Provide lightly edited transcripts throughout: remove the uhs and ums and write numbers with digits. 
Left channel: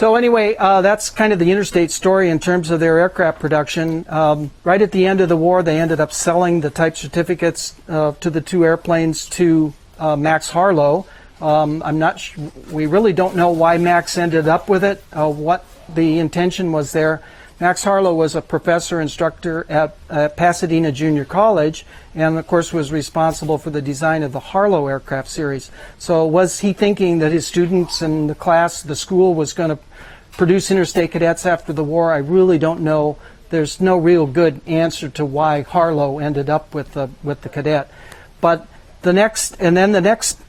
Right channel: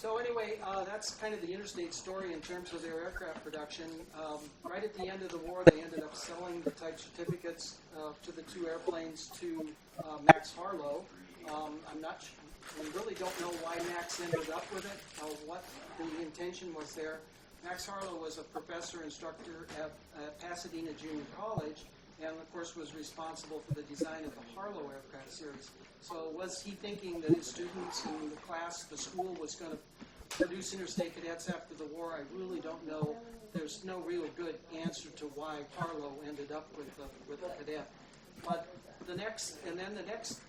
So anyway, that's kind of the Interstate story in terms of their aircraft production. Right at the end of the war, they ended up selling the type certificates to the two airplanes to Max Harlow. We really don't know why Max ended up with it, what the intention was there. Max Harlow was a professor instructor at Pasadena Junior College, and of course was responsible for the design of the Harlow aircraft series. So was he thinking that his students and the school was going to produce interstate cadets after the war? I really don't know. There's no real good answer to why Harlow ended up with the cadet. But the next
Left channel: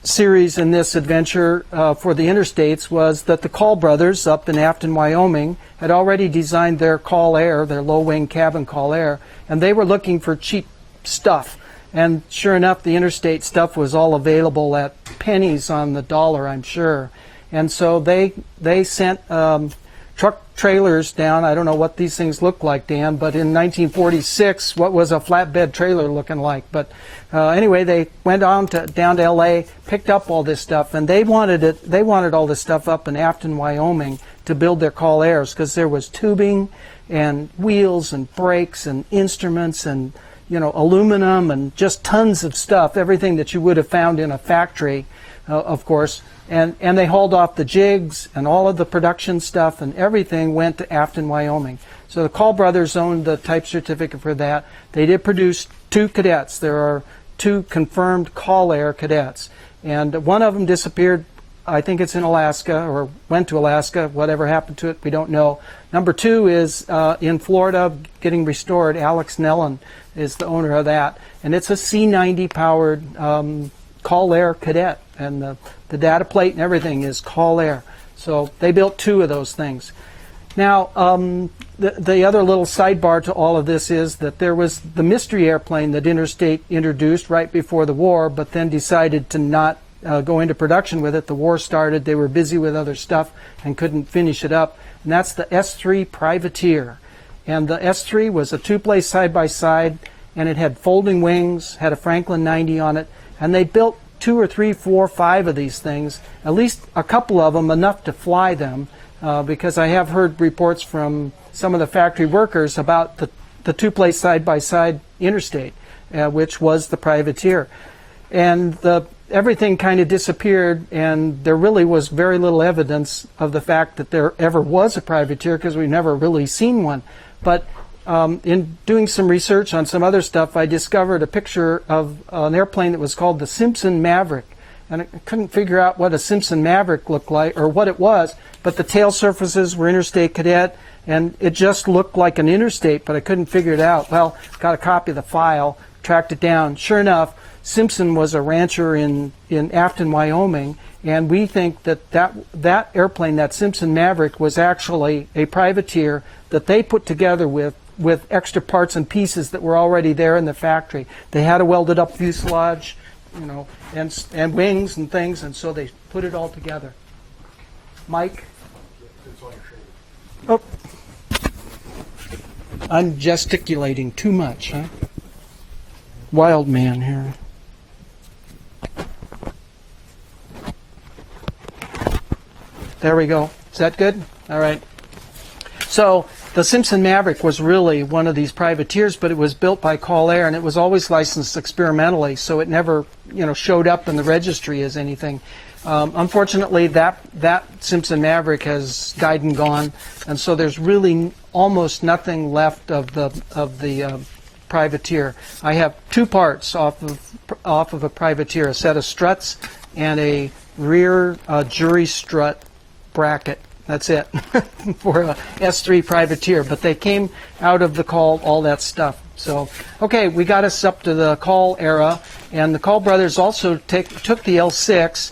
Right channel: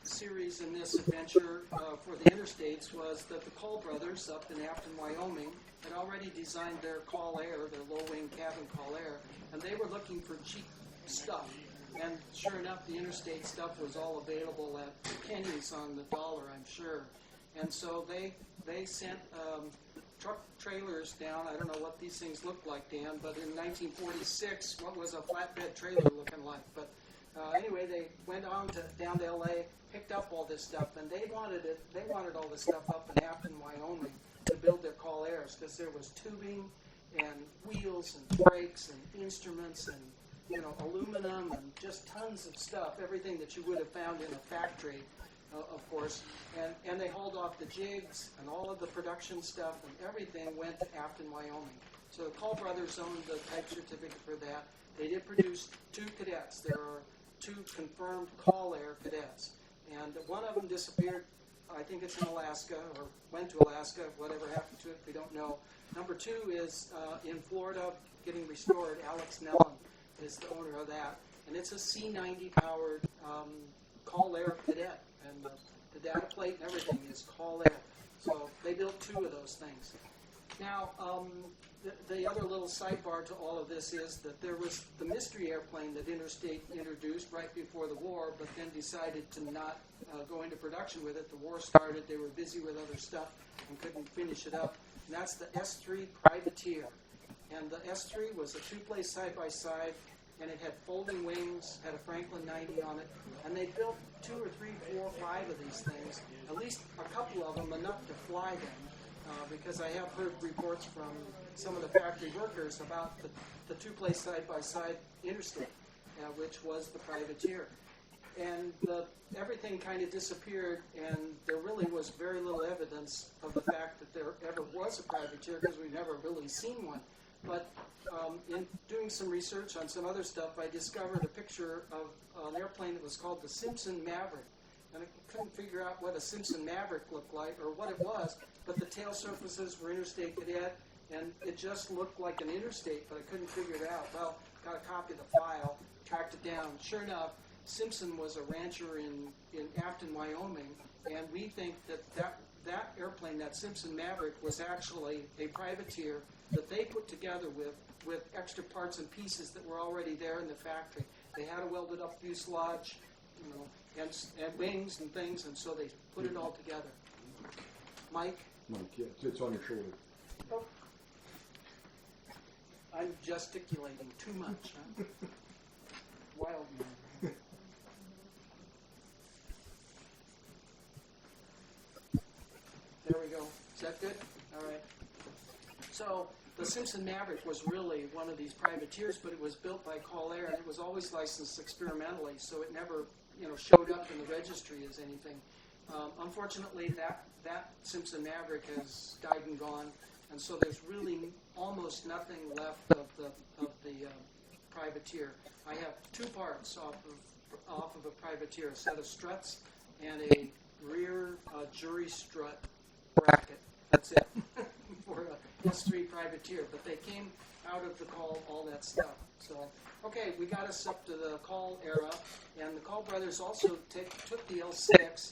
series in this adventure for the interstates was that the Call brothers up in Afton, Wyoming, had already designed their Call Air, their low-wing cabin Call Air, and they were looking for cheap stuff. And sure enough, the interstate stuff was all available at pennies on the dollar, I'm sure. And so they sent truck trailers down. I don't know what these things look like, Dan, but in 1946, what was a flatbed trailer looking like? But anyway, they went down to L.A., picked up all this stuff, and they wanted all this stuff up in Afton, Wyoming, to build their Call Airs, because there was tubing and wheels and brakes and instruments and aluminum and just tons of stuff, everything that you would have found in a factory, of course. And they hauled off the jigs and all of the production stuff, and everything went to Afton, Wyoming. So the Call brothers owned the type certificate for that. They did produce two cadets. There are two confirmed Call Air cadets. And one of them disappeared. I think it's in Alaska, or went to Alaska. Whatever happened to it, we don't know. Number two is in Florida, getting restored. Alex Nellen is the owner of that. And it's a C-90 powered Call Air cadet. And the data plate and everything is Call Air. So they built two of those things. Now, the other little sidebar to all of this is that there was the mystery airplane that Interstate introduced right before the war, but then decided to not go into production with it. The war started. They were busy with other stuff and couldn't finish it up. And that's the S-3 Privateer. And the S-3 was a two-place side-by-side, and it had folding wings, had a Franklin 90 on it, and they built 2 or 3, 4, 5 of these things, at least a couple of them, enough to fly them, because I have heard reports from some of the factory workers about the two-place side-by-side Interstate, which was the Privateer. And everything kind of disappeared, and there really was very little evidence of the fact that there ever was a Privateer, because we've never really seen one. But in doing some research on some other stuff, I discovered a picture of an airplane that was called the Simpson Maverick. And I couldn't figure out what a Simpson Maverick looked like or what it was, but the tail surfaces were Interstate Cadet, and it just looked like an Interstate, but I couldn't figure it out. Well, got a copy of the file, tracked it down. Sure enough, Simpson was a rancher in Afton, Wyoming, and we think that airplane, that Simpson Maverick, was actually a Privateer that they put together with extra parts and pieces that were already there in the factory. They had a welded up fuselage, and wings and things, and so they put it all together. Mike? It's on your shoulder. Oh. I'm gesticulating too much, huh? Wild man here. There we go. Is that good? All right. So the Simpson Maverick was really one of these privateers, but it was built by Call Air, and it was always licensed experimentally, so it never, showed up in the registry as anything. Unfortunately, that Simpson Maverick has died and gone, and so there's really almost nothing left of the privateer. I have two parts off of a privateer: a set of struts and a rear jury strut bracket. That's it for a S-3 Privateer. But they came out of the Call, all that stuff. So, okay, we got us up to the Call era. And the Call brothers also took the L6,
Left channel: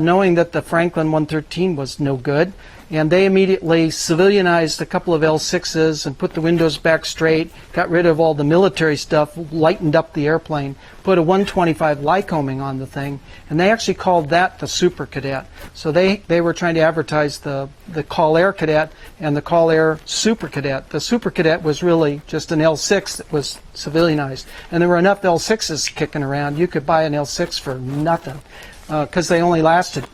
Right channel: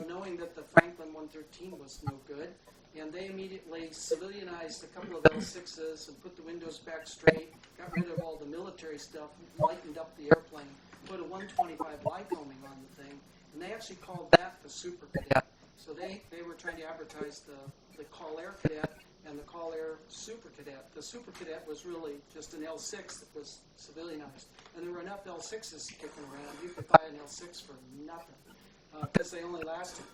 knowing that the Franklin 113 was no good. And they immediately civilianized a couple of L6s and put the windows back straight, got rid of all the military stuff, lightened up the airplane, put a 125 Lycoming on the thing, and they actually called that the Super Cadet. So they were trying to advertise the Call Air Cadet and the Call Air Super Cadet. The Super Cadet was really just an L6 that was civilianized. And there were enough L6s kicking around. You could buy an L6 for nothing. because they only lasted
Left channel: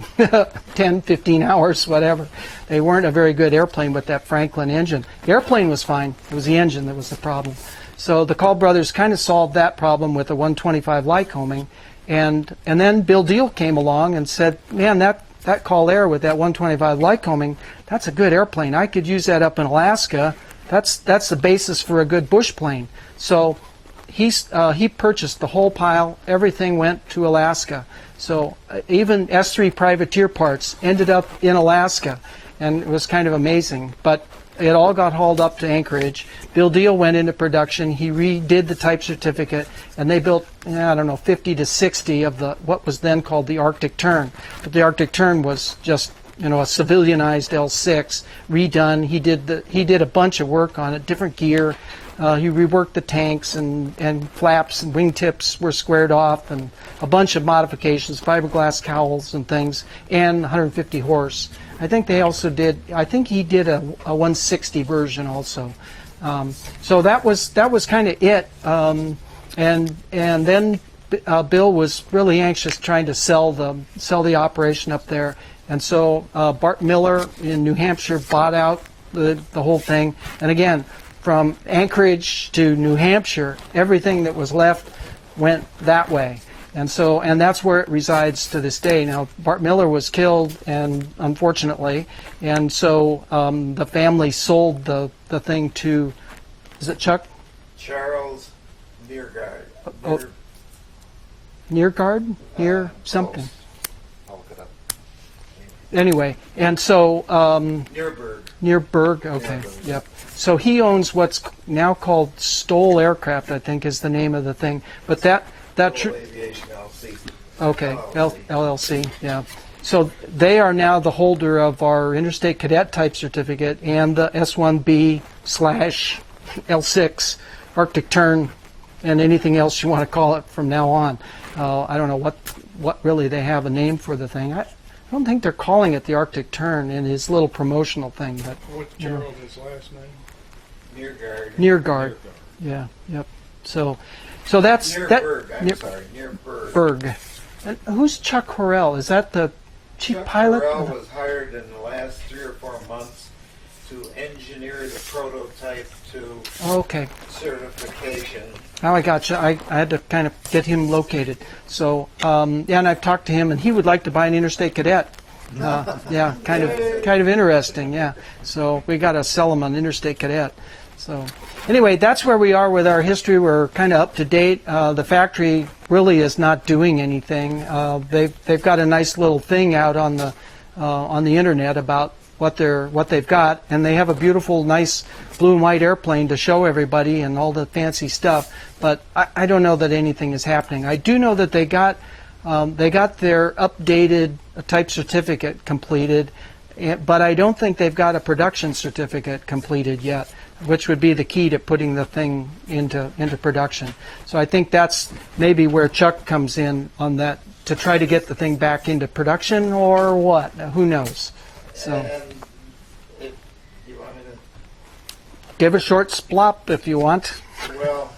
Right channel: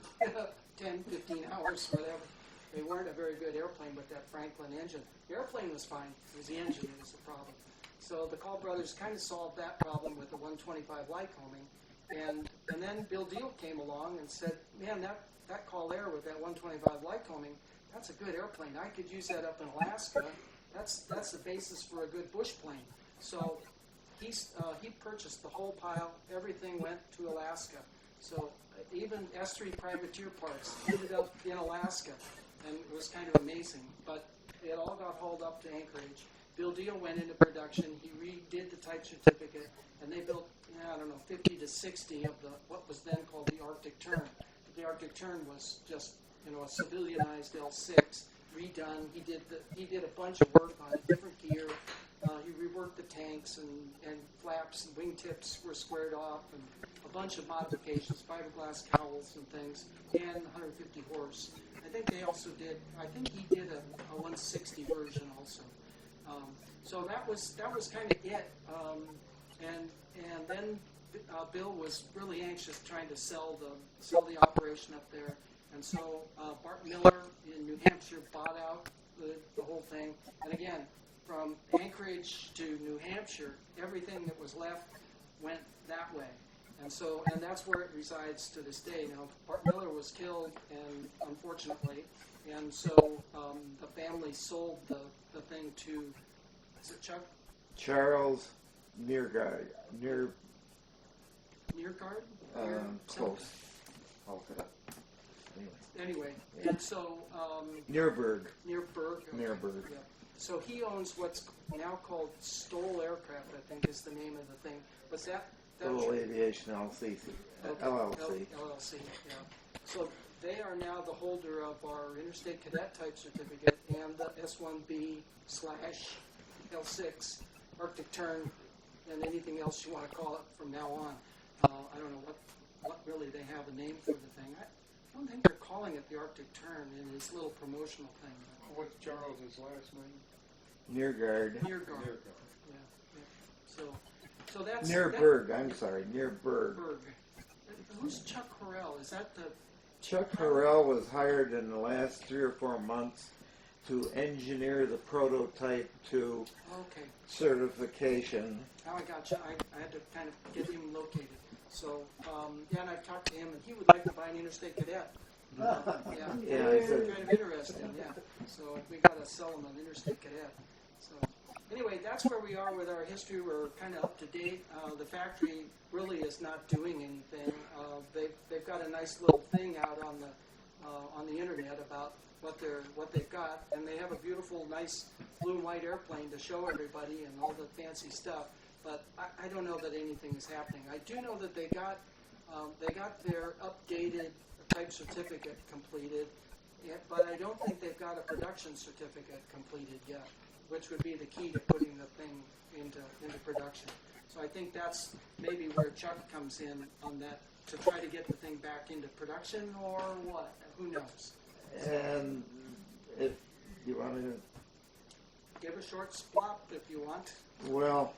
10, 15 hours, whatever. They weren't a very good airplane with that Franklin engine. The airplane was fine. It was the engine that was the problem. So the Call brothers kind of solved that problem with the 125 Lycoming. And then Bill Deal came along and said, man, that Call Air with that 125 Lycoming, that's a good airplane. I could use that up in Alaska. That's the basis for a good bush plane. So he purchased the whole pile. Everything went to Alaska. So even S3 privateer parts ended up in Alaska, and it was kind of amazing. But it all got hauled up to Anchorage. Bill Deal went into production. He redid the type certificate, and they built, I don't know, 50 to 60 of the what was then called the Arctic Tern. But the Arctic Tern was just, a civilianized L6 redone. He did a bunch of work on it, different gear. He reworked the tanks and flaps and wingtips were squared off, and a bunch of modifications, fiberglass cowls and things, and 150 horse. I think he did a 160 version also. So that was kind of it. And then Bill was really anxious trying to sell the operation up there. And so Bart Miller in New Hampshire bought out the whole thing. And again, from Anchorage to New Hampshire, everything that was left went that way. And that's where it resides to this day. Now, Bart Miller was killed, and unfortunately, and so the family sold the thing to, is it Chuck? Charles Nearguard. Nearguard? Near something. Close. I'll look it up. Anyway, and so Nearburg. Okay, Nearburg. yep. So he owns what's now called Stoll Aircraft, I think is the name of the thing. But that Civil Aviation LLC. Okay, LLC. LLC, yeah. So they are now the holder of our Interstate Cadet type certificate and the S1B/L6 Arctic Tern and anything else you want to call it from now on. I don't know what really they have a name for the thing. I don't think they're calling it the Arctic Tern in his little promotional thing, but What's Charles' last name? Nearguard. Yeah, yep. So that's Nearburg. Nearburg. Berg. And who's Chuck Horrell? Is that the chief Chuck pilot? Burrell was hired in the last 3 or 4 months to engineer the prototype to Okay. certification. Now I got you. I had to kind of get him located. So and I've talked to him, and he would like to buy an Interstate Cadet. Yeah, kind of interesting. Yeah. So we got to sell him an Interstate Cadet. So anyway, that's where we are with our history. We're kind of up to date. The factory really is not doing anything. They've got a nice little thing out on the internet about what they've got, and they have a beautiful, nice blue and white airplane to show everybody and all the fancy stuff. But I don't know that anything is happening. I do know that they got their updated type certificate completed, but I don't think they've got a production certificate completed yet, which would be the key to putting the thing into production. So I think that's maybe where Chuck comes in on that, to try to get the thing back into production or what. Who knows? So And you want me give a short splop if you want. to? Well,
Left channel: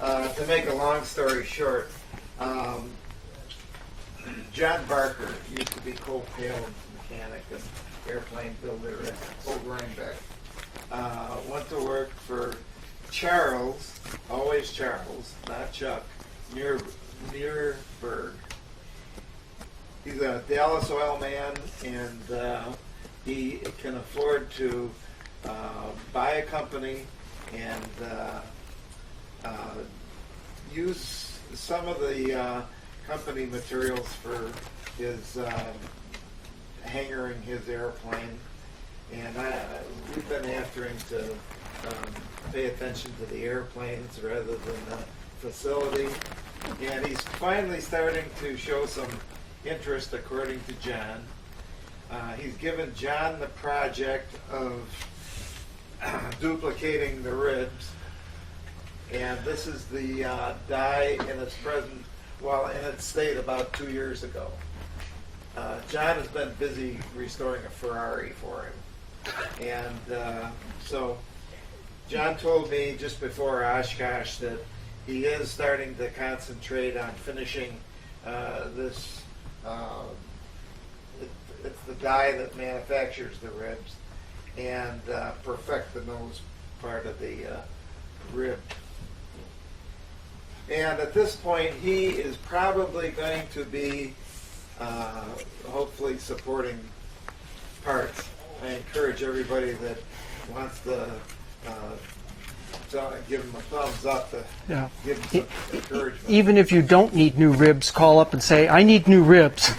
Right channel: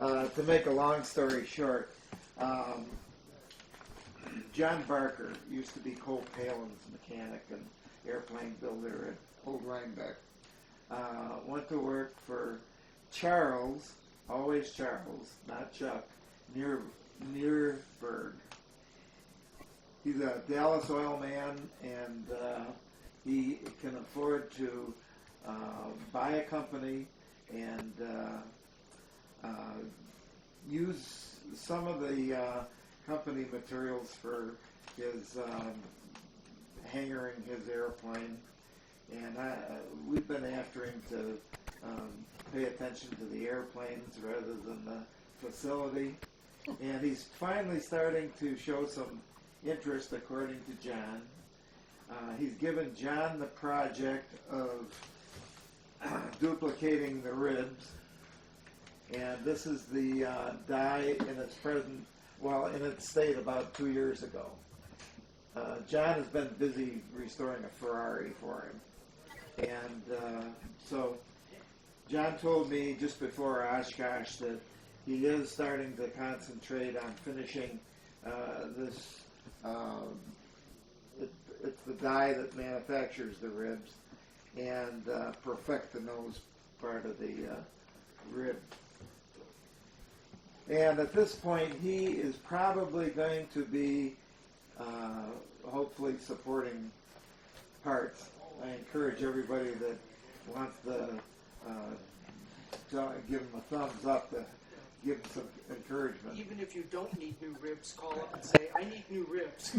to make a long story short, John Barker used to be Cole Palin's mechanic and airplane builder at Old Rhinebeck. Went to work for Charles, always Charles, not Chuck, Nearburg. He's a Dallas oil man, and he can afford to buy a company and use some of the company materials for his hangaring his airplane. And we've been after him to pay attention to the airplanes rather than the facility. And he's finally starting to show some interest, according to John. He's given John the project of duplicating the ribs. And this is the die in its present, in its state about 2 years ago. John has been busy restoring a Ferrari for him. And so John told me just before Oshkosh that he is starting to concentrate on finishing this It's the die that manufactures the ribs and perfect the nose part of the rib. And at this point, he is probably going to be hopefully supporting parts. I encourage everybody that wants to give him a thumbs up to Yeah. give him some encouragement. Even if you don't need new ribs, call up and say, "I need new ribs."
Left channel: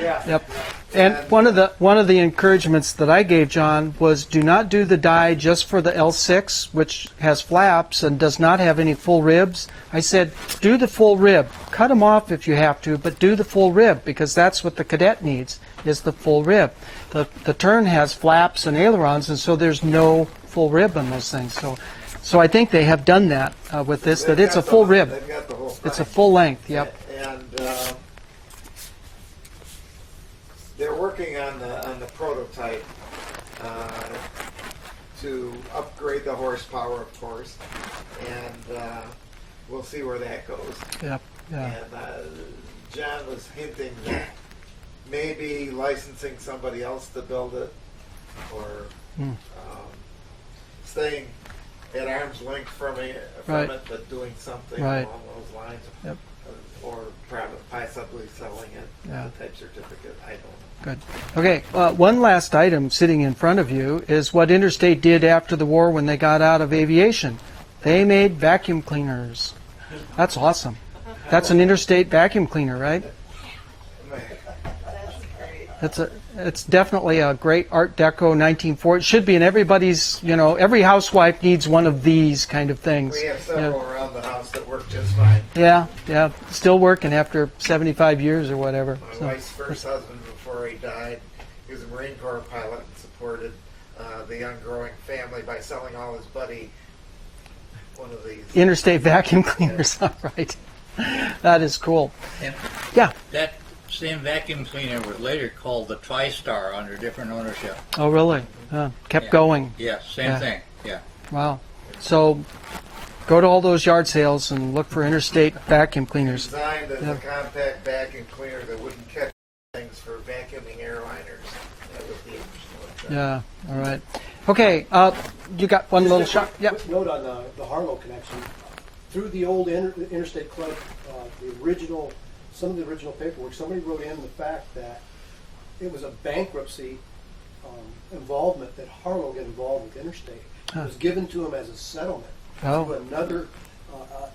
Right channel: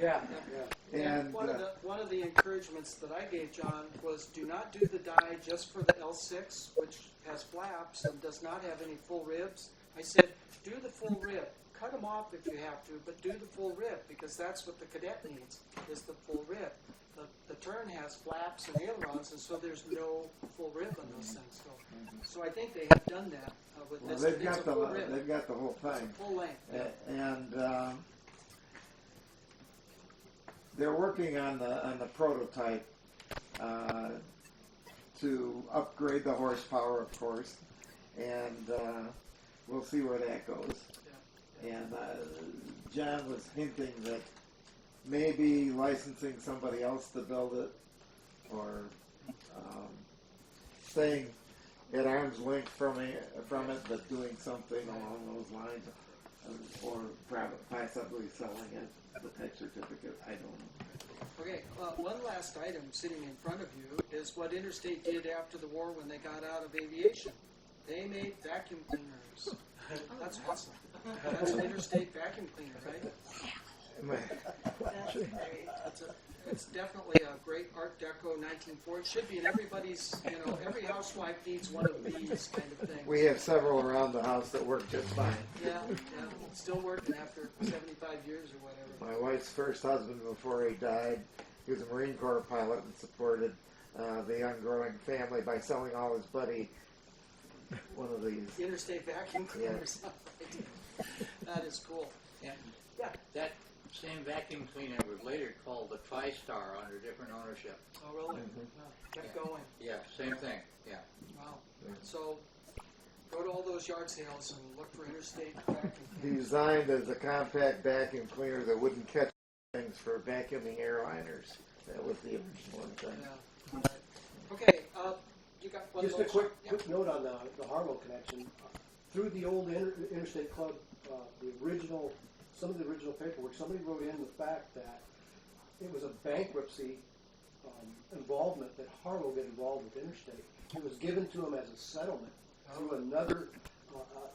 Yeah. Yep. And one of the encouragements that I gave John was, do not do the die just for the L6, which has flaps and does not have any full ribs. I said, do the full rib. Cut them off if you have to, but do the full rib, because that's what the Cadet needs, is the full rib. The Tern has flaps and ailerons, and so there's no full rib on those things. So I think they have done that with this, that it's a full rib. They've got the whole It's a thing. full length, yep. And they're working on the prototype to upgrade the horsepower, of course, and we'll see where that goes. Yep, yeah. And John was hinting that maybe licensing somebody else to build it, or staying at arm's length from it, Right. but doing something Right. along those lines, Yep. or possibly selling it, Yeah. the type certificate. I don't know. Good. Okay, one last item sitting in front of you is what Interstate did after the war when they got out of aviation. They made vacuum cleaners. That's awesome. That's an Interstate vacuum cleaner, right? It's definitely a great Art Deco 1940. It should be in everybody's, every housewife needs one of these kind of things. We have several around the house that work just fine. Yeah, still working after 75 years or whatever. My So, wife's first husband, before he died, he was a Marine Corps pilot and supported the young growing family by selling all his buddy one of these. Interstate vacuum cleaners, all right. That is cool. And Yeah. that same vacuum cleaner was later called the TriStar under different ownership. Oh, really? Kept Yeah. going. Yes, same Yeah. thing. Yeah. Wow. So go to all those yard sales and look for Interstate vacuum cleaners. Designed as Yeah. a compact vacuum cleaner that wouldn't catch things for vacuuming airliners. That was the original. Yeah, all right. Okay, you got one little Just a shot? quick- Yeah. quick note on the Harlow connection. Through the old Interstate Club, some of the original paperwork, somebody wrote in the fact that it was a bankruptcy involvement that Harlow got involved with Interstate. It was given to him as a settlement Oh. to another.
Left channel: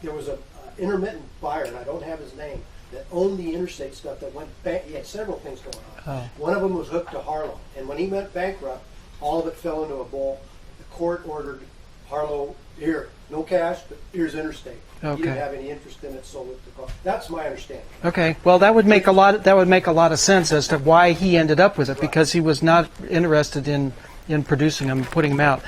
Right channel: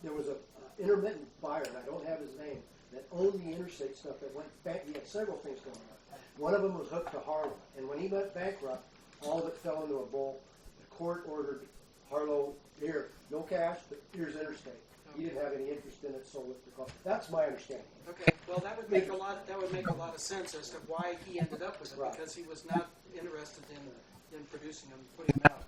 There was a intermittent buyer, and I don't have his name, that owned the Interstate stuff that went back. He had several things going on. Oh. One of them was hooked to Harlow, and when he went bankrupt, all of it fell into a bowl. The court ordered Harlow, here, no cash, but here's Interstate. Okay. He didn't have any interest in it, sold it to cost. That's my understanding. Okay. Well, that would make a lot of sense as to why he ended up with it, because he was not interested in producing them and putting them out.